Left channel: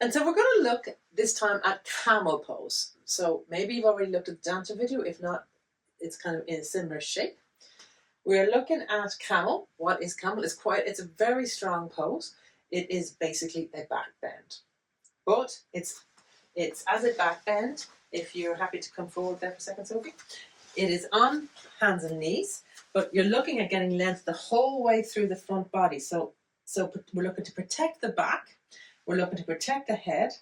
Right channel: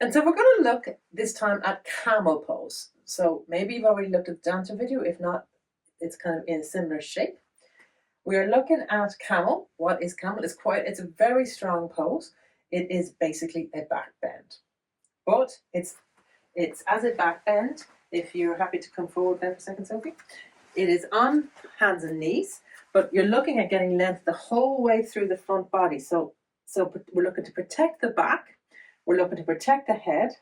And so we're going to look this time at camel pose. So maybe you've already looked at the dancer video. If not, it's kind of in a similar shape. We are looking at camel. What is camel? It's a very strong pose. It is basically a back bend. But it's as a back bend, if you're happy to come forward there for a second, Sophie. It is on hands and knees, but you're looking at getting length the whole way through the front body. So we're looking to protect the back, we're looking to protect the head,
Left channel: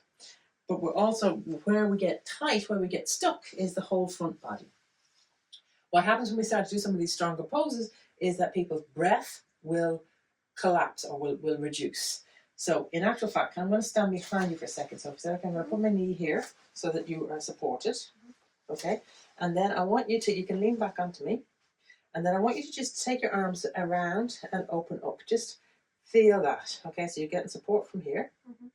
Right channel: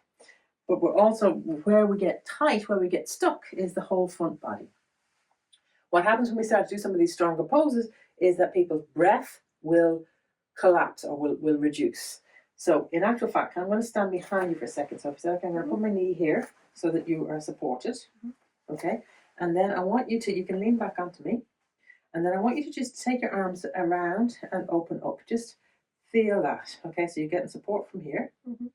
but we're also, where we get tight, where we get stuck, is the whole front body. What happens when we start to do some of these stronger poses is that people's breath will collapse or will reduce. So in actual fact, I'm going to stand behind you for a second. So I'm going to put my knee here so that you are supported. Okay. And then I want you can lean back onto me. And then I want you to just take your arms around and open up. Just feel that. Okay. So you're getting support from here. Mm-hmm.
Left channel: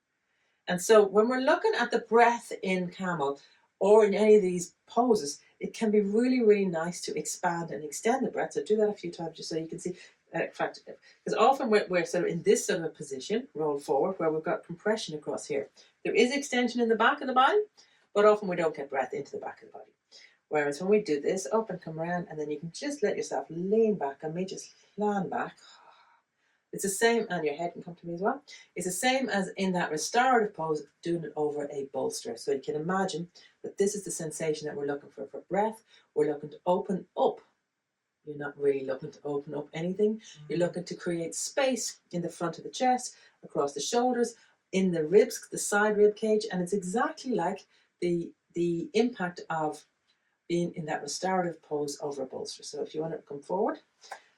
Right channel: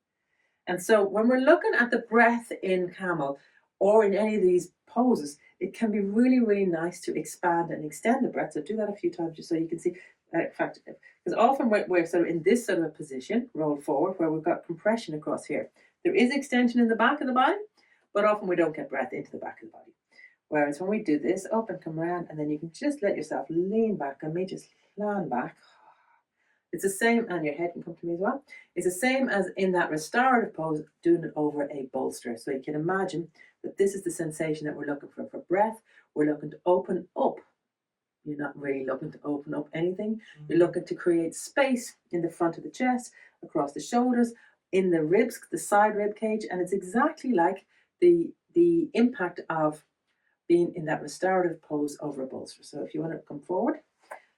And so when we're looking at the breath in camel or in any of these poses, it can be really, really nice to expand and extend the breath. So do that a few times just so you can see. In fact, because often we're sort of in this sort of a position, roll forward, where we've got compression across here. There is extension in the back of the body, but often we don't get breath into the back of the body. Whereas when we do this, up and come around, and then you can just let yourself lean back, and me just land back. It's the same, and your head can come to me as well. It's the same as in that restorative pose, doing it over a bolster. So you can imagine that this is the sensation that we're looking for breath. We're looking to open up. You're not really looking to open up anything. You're looking to create space in the front of the chest, across the shoulders, in the ribs, the side rib cage, and it's exactly like the impact of being in that restorative pose over a bolster. So if you want to come forward,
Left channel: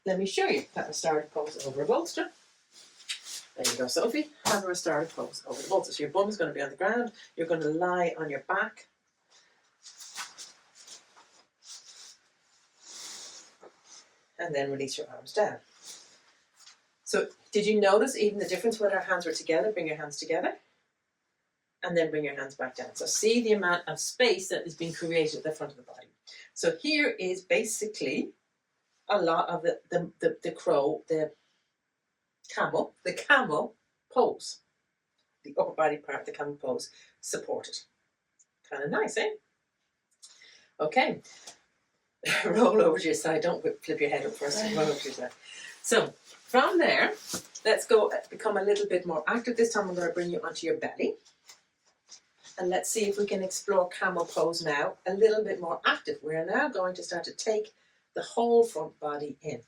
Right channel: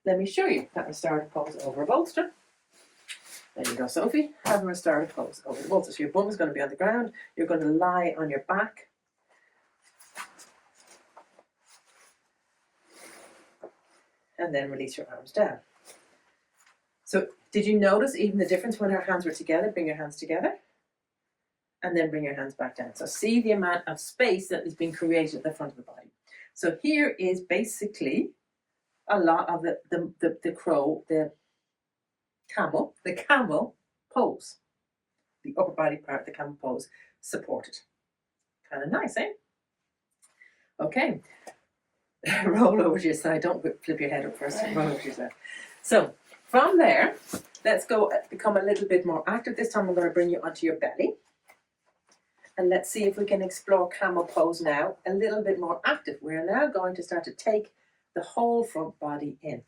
let me show you that restorative pose over a bolster. There you go, Sophie. Have a restorative pose over the bolster. So your bum is going to be on the ground. You're going to lie on your back. And then release your arms down. So did you notice even the difference when our hands were together? Bring your hands together. And then bring your hands back down. So see the amount of space that is being created at the front of the body. So here is basically a lot of the camel pose. The upper body part of the camel pose supported. Kind of nice, eh? Okay. Roll over to your side. Don't flip your head up first. Roll over to your side. So from there, let's go become a little bit more active. This time I'm going to bring you onto your belly. And let's see if we can explore camel pose now a little bit more active. We're now going to start to take the whole front body in.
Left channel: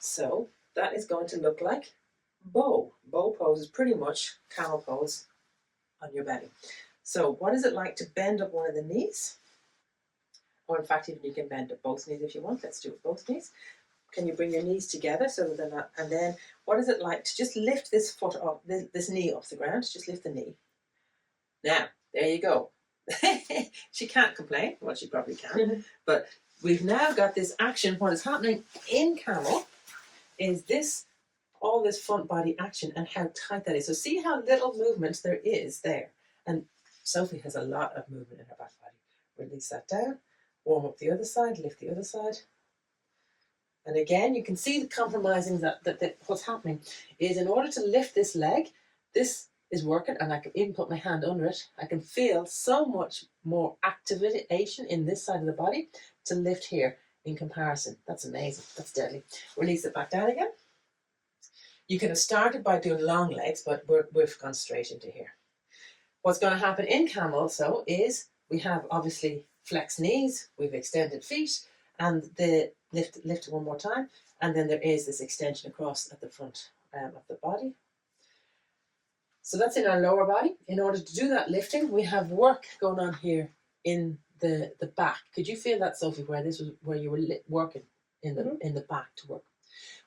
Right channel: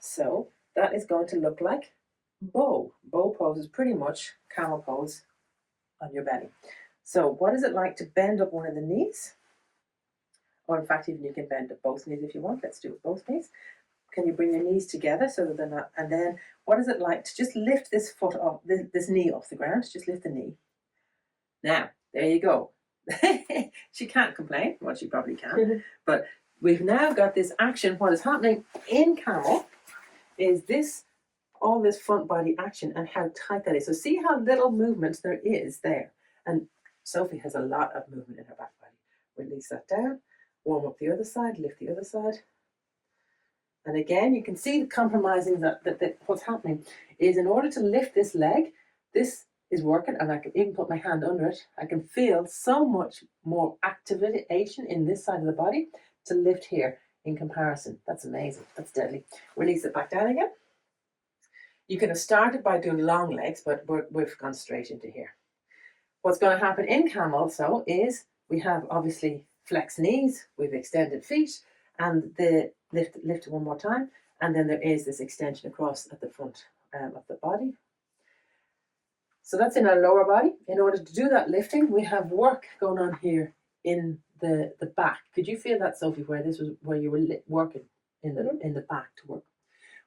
So that is going to look like bow. Bow pose is pretty much camel pose on your belly. So what is it like to bend up one of the knees? Or in fact, even you can bend up both knees if you want. Let's do it both knees. Can you bring your knees together so that they're not? And then what is it like to just lift this foot off, this knee off the ground? Just lift the knee. Now, there you go. She can't complain. Well, she probably can. But we've now got this action. What is happening in camel is all this front body action and how tight that is. So see how little movement there is there. And Sophie has a lot of movement in her back body. Release that down. Warm up the other side. Lift the other side. And again, you can see the compromising that what's happening is in order to lift this leg, this is working, and I can even put my hand under it. I can feel so much more activation in this side of the body to lift here in comparison. That's amazing. That's deadly. Release it back down again. You can have started by doing long legs, but we've gone straight into here. What's going to happen in camel so is we have obviously flexed knees, we've extended feet, and the lift one more time, and then there is this extension across at the front of the body. So that's in our lower body. In order to do that lifting, we have work going on here in the back. Could you feel that, Sophie, where you were working in the back to work?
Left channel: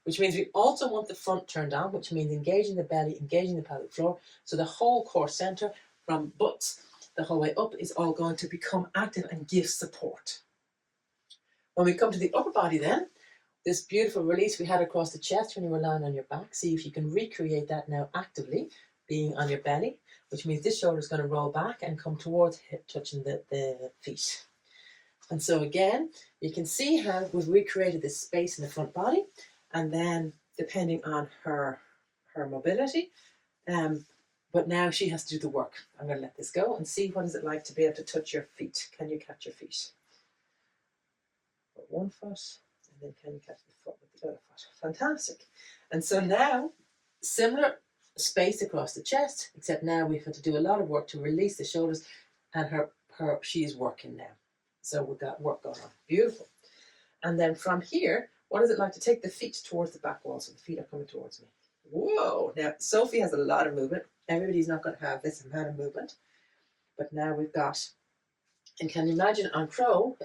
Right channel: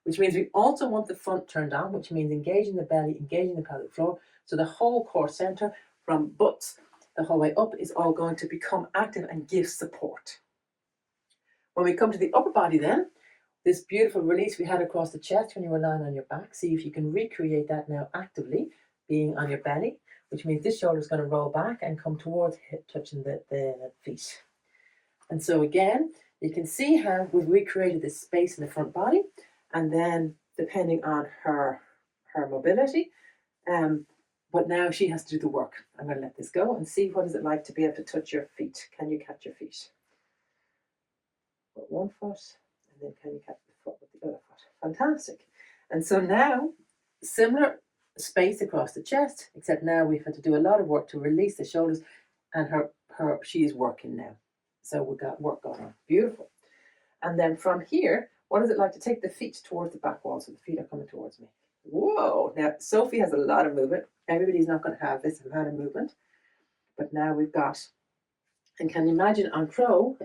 Which means we also want the front turned down, which means engaging the belly, engaging the pelvic floor. So the whole core center from butts the whole way up is all going to become active and give support. When we come to the upper body then, this beautiful release we had across the chest when you were lying on your back, see if you can recreate that now actively, being on your belly, which means this shoulder is going to roll back and come towards hip, touching the feet. And so again, you can see how we've recreated this space in the front body, and then depending on her mobility, But now she has to do the work. I'm going to let this go and see what is it like to be able to touch your feet. Can you catch your feet? With one foot, and then can you catch the foot with the other foot? Fantastic. And so now, similar space across the chest, except now we've had to do a lot of work to release the shoulders, and she's working now. So we've got work going on. Beautiful. And then from here, what is it like to take the feet towards the back wall? So the feet are coming towards me. Whoa. Now, Sophie has a lot of movement. Everybody's not going to have this amount of movement. But now we've got, and can you imagine on Camel,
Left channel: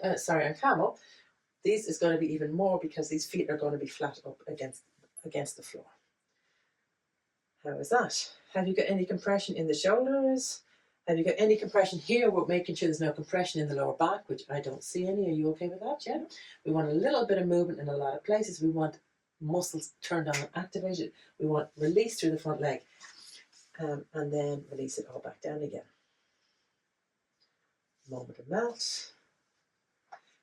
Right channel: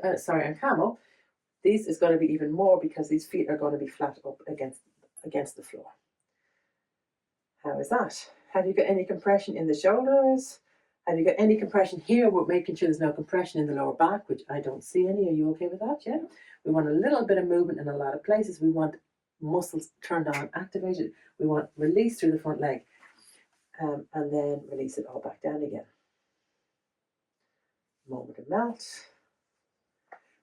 this is going to be even more because these feet are going to be flat up against the floor. How is that? Have you got any compression in the shoulders? Have you got any compression here? We're making sure there's no compression in the lower back, which I don't see any. Are you okay with that? Yeah. We want a little bit of movement in a lot of places. We want muscles turned on and activated. We want release through the front leg. And then release it all back down again. Moment of melt.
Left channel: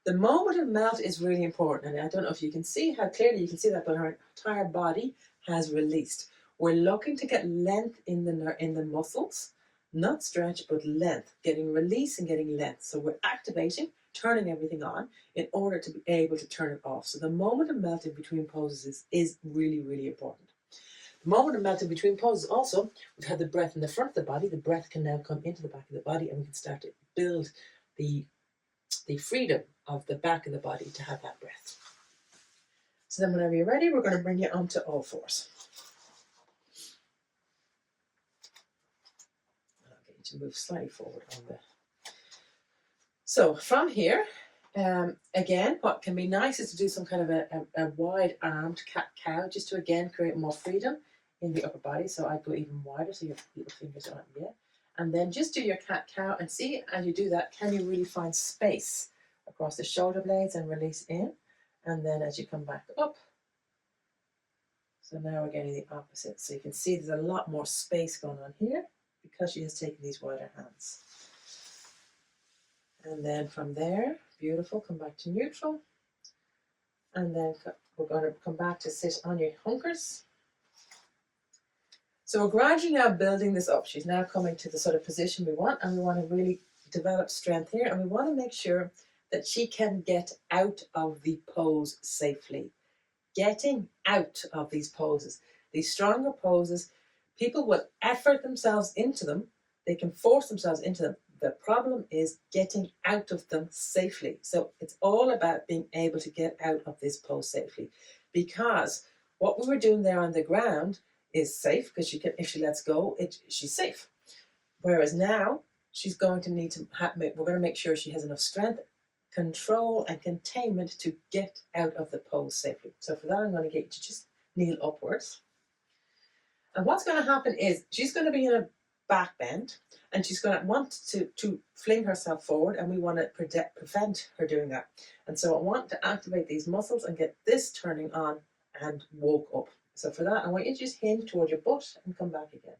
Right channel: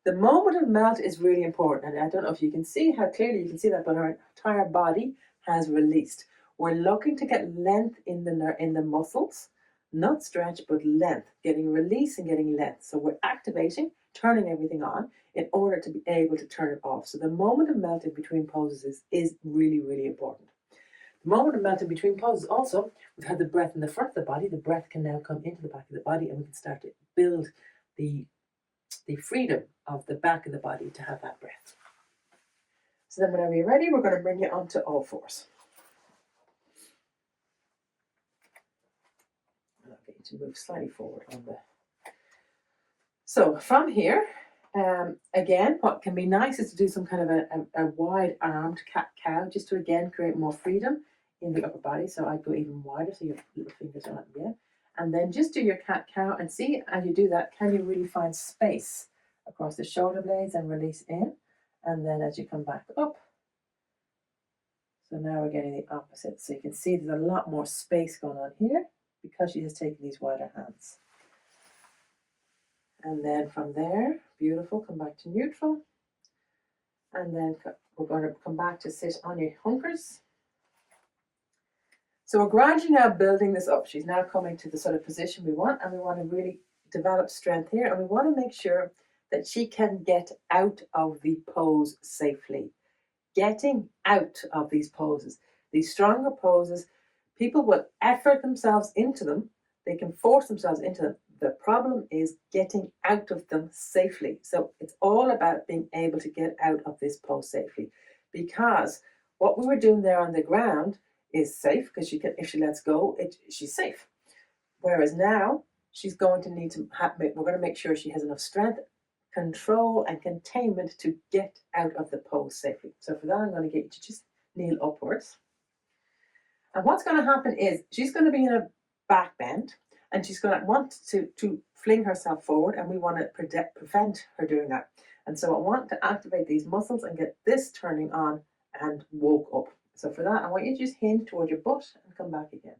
The moment of melt is really important. And I don't know if you can see how clearly you can see that, but her entire body has released. We're looking to get length in the muscles. Not stretch, but length, getting release and getting length. So we're activating, turning everything on in order to be able to turn it off. So the moment of melting between poses is really, really important. The moment of melting between poses also, we've had the breath in the front of the body. The breath can now come into the back of the body and we can start to build the freedom of the back of the body to have that breath. So then whenever you're ready, we're going to bring you onto all fours. To move slightly forward on the. So from here, again, what can be nice is to do some kind of a wide-armed cat-cow, just to again create more freedom in the upper body. So I'd go even wider, so your little fingers aren't there. And then just do your cat-cow and see as you do that, can you really find space across the shoulder blades and release in? And then as you come back up. So now we're getting the opposite. So you can see there's a lot more space going on here, because she has taken these wider hands. And then from there, beautiful, come back to neutral. And then we're going to come back to sit on your hunkers. So we're gradually now building this up. She's now coming to the sort of position we want, and we want to really develop strength here. And we want to make sure that she can get out of the pose safely. Getting out of these poses, these stronger poses, people will effort themselves into them. They can force themselves into them. The problem is getting out of them safely. So it's all about being able to get out of this pose safely, because what we were doing there on the ground is safe, because she can, if she lets go, she's safe. Whereas now she's going to need to we're going to make sure she has enough strength, control and containment to get out of the pose safely. So for that, I'm going to get you to just kneel upwards. And what's going to happen is she's going to be in a back bend, and she's going to want to fling herself forward, and we want to prevent her doing that. And so I want to activate these muscles and get this turning on and woke up. So for that, I want you to just hinge towards your butt and come back again.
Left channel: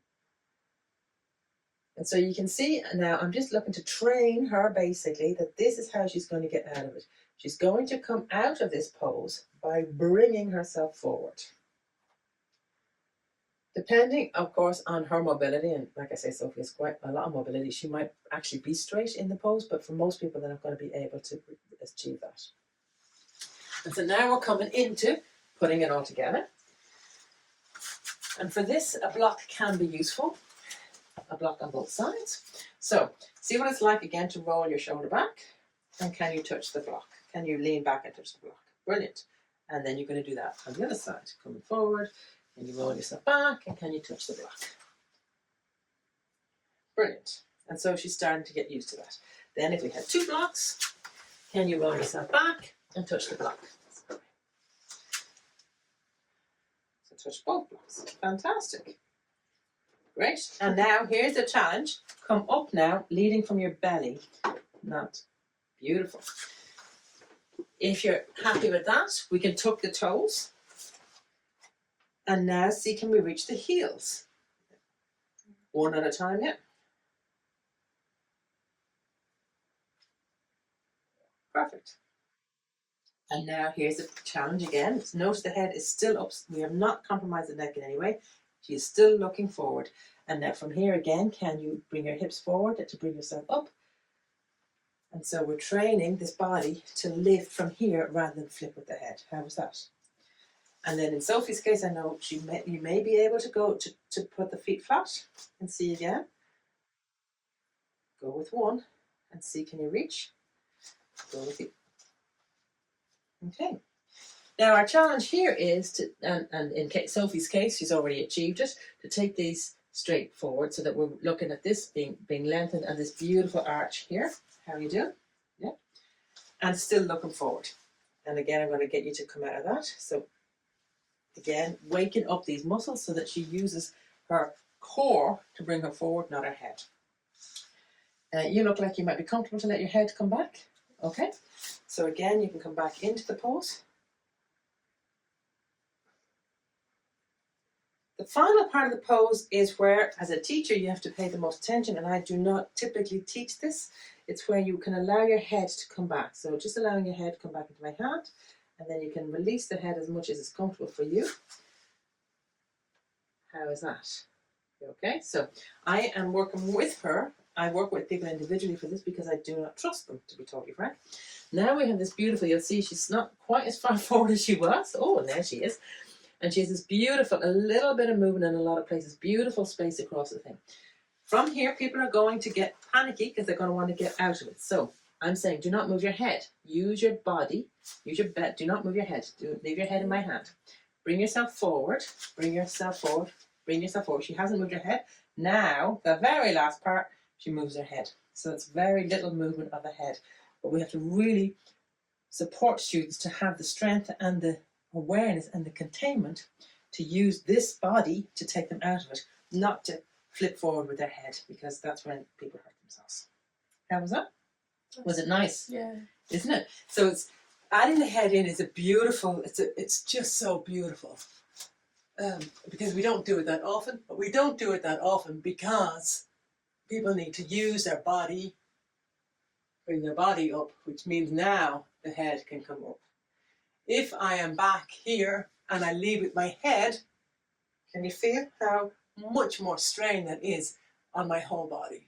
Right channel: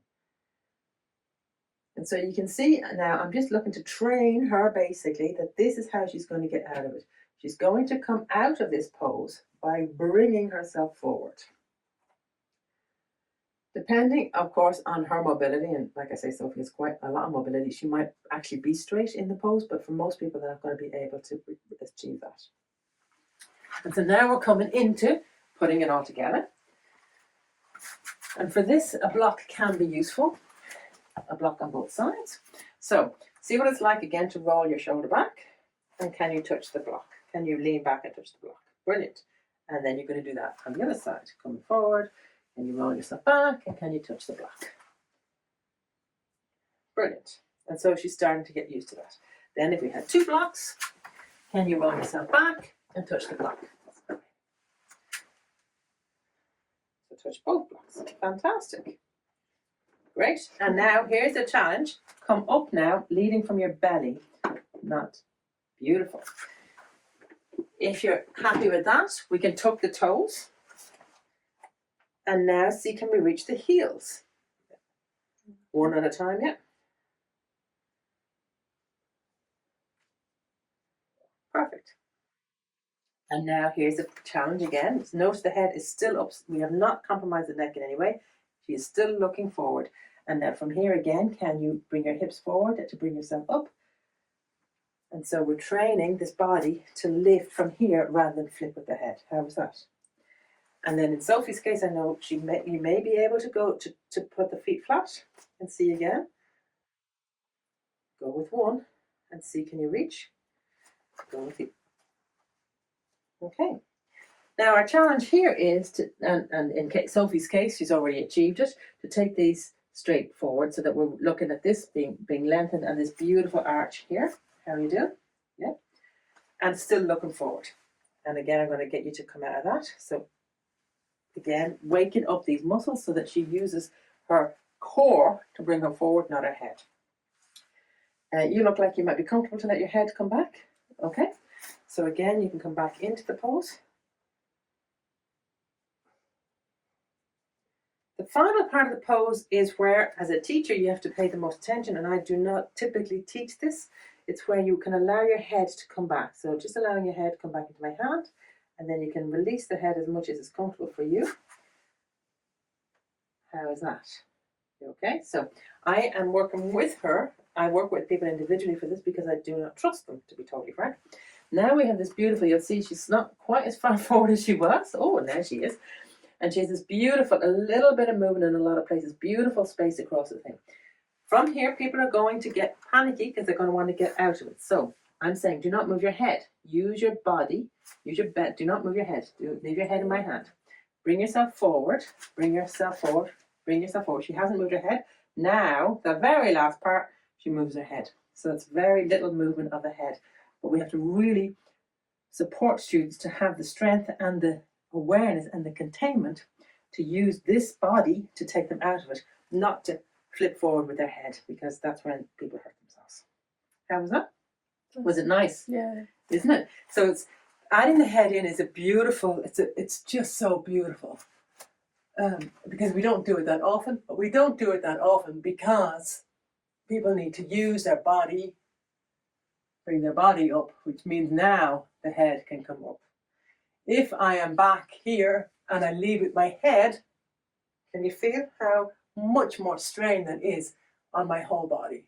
And so you can see now, I'm just looking to train her basically that this is how she's going to get out of it. She's going to come out of this pose by bringing herself forward. Depending, of course, on her mobility, and like I say, Sophie has quite a lot of mobility, she might actually be straight in the pose, but for most people, they're not going to be able to achieve that. And so now we're coming into putting it all together. And for this, a block can be useful, a block on both sides. So see what it's like again to roll your shoulder back, and can you touch the block? Can you lean back and touch the block? Brilliant. And then you're going to do that on the other side, coming forward. And you roll yourself back, and can you touch the block? Brilliant. And so she's starting to get used to that. Then if we had two blocks, can you roll yourself back and touch the block? So touch both blocks. Fantastic. Great. And now here's the challenge. Come up now, leading from your belly. Not beautiful. If you're happy with that, we can tuck the toes. And now see, can we reach the heels? One at a time, yeah. Perfect. And now here's the challenge again. Notice the head is still up. We have not compromised the neck in any way. She is still looking forward. And now from here again, can you bring your hips forward to bring yourself up? And so we're training this body to lift from here rather than flip with the head. How was that? And then in Sophie's case, I know you may be able to go to put the feet flat and see again. Go with one and see, can you reach? Go with the... Okay. Now our challenge here is to, and in Sophie's case, she's already achieved it, to take these straight forward so that we're looking at this being lengthened and this beautiful arch here. How are you doing? Yeah. And still looking forward. And again, I'm going to get you to come out of that. So again, waking up these muscles so that she uses her core to bring her forward, not her head. You look like you might be comfortable to let your head come back. Okay. So again, you can come back into the pose. The final part of the pose is where, as a teacher, you have to pay the most attention, and I do not typically teach this. It's where you can allow your head to come back. So just allowing your head to come back into my hand, and then you can release the head as much as is comfortable for you. How is that? Okay, so I am working with her. I work with people individually for this because I do not trust them, to be totally frank. Now we have this beautiful, you'll see she's not quite as far forward as she was. Oh, now she is. And she has this beautiful, a little bit of movement in a lot of places, beautiful space across the thing. From here, people are going to get panicky because they're going to want to get out of it. So I'm saying, do not move your head. Use your body, use your bed. Do not move your head. Leave your head in my hand. Bring yourself forward, bring yourself forward, bring yourself forward. She hasn't moved her head. Now, the very last part, she moves her head. So it's very little movement of the head. But we have to really support students to have the strength and the awareness and the containment to use this body to take them out of it, not to flip forward with their head, because that's when people hurt themselves. How was that? Was it nice? Yeah. Isn't it? So it's adding the head in is a beautiful, it's just so beautiful. Because we don't do it that often, but we don't do it that often because people need to use their body, bring their body up, which means now the head can come up. If I am back here and I leave with my head, can you feel how much more strain that is on my whole body?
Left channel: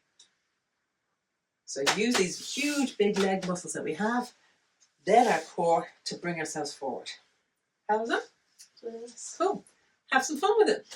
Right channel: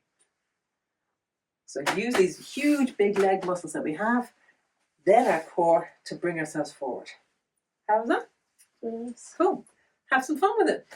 So use these huge big leg muscles that we have, then our core, to bring ourselves forward. How's that? Yes. Cool. Have some fun with it.